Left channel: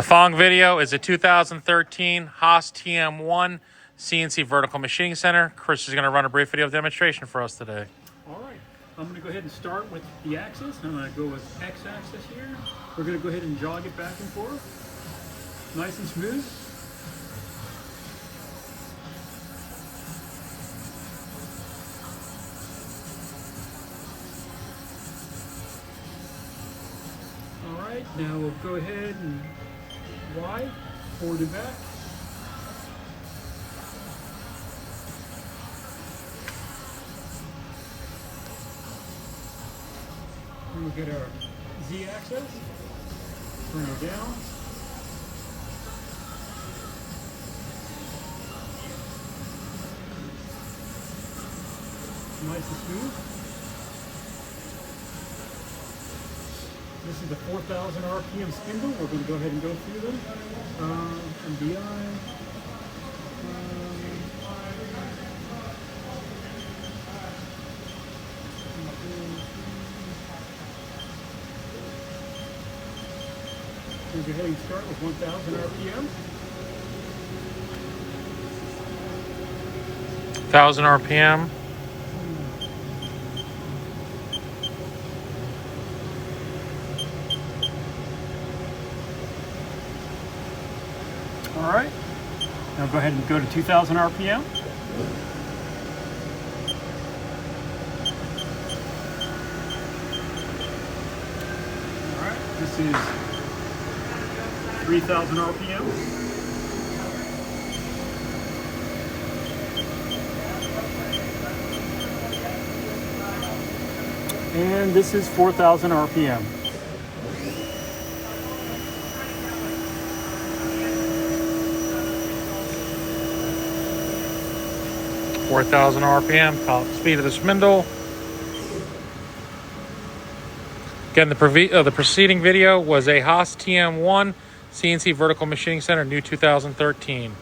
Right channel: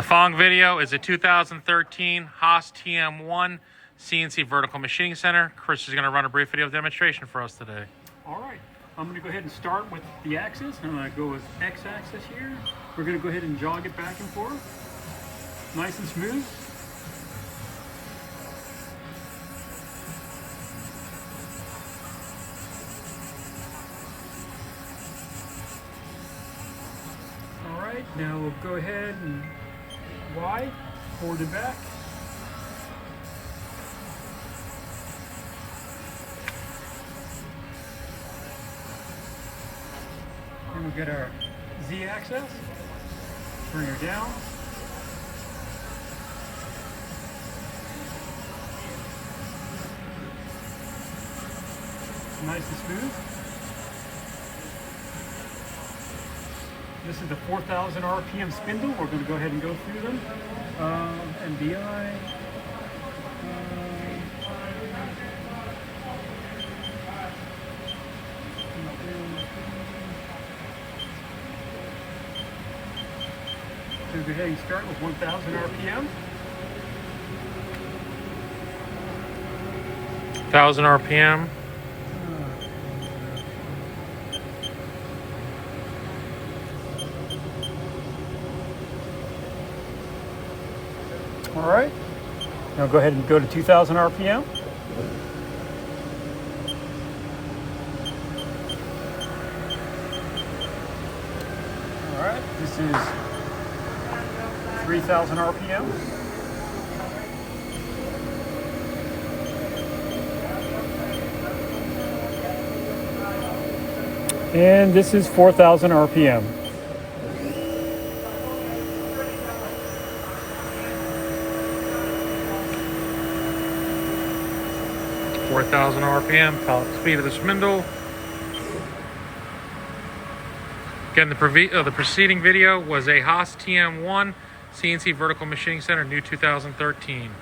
The following video is a 2013 HAAS TM-1 CNC Vertical Machining Center. Chris is going to run a brief video demonstration for us today. All right, I'm going to go ahead and start with the axis. I'm going to go with x-axis here. We're going to go ahead and jog it back and forth, nice and smooth. All right, now we'll go ahead and Y, forward and back. And we'll get our Z-axis, bring her down. Nice and smooth. This is the 4,000 RPM spindle. We're going to go ahead and go through them. MBI. So go ahead and start with 1,000 RPM. 1,000 RPM. All right. Now go ahead and go to 2,000 RPM. All right. This is 3,000 RPM. And this is 4,000 RPM. 4,000 RPM, top speed of the spindle. Again, the preceding video was a HAAS TM-1 CNC Vertical Machining Center, new 2013.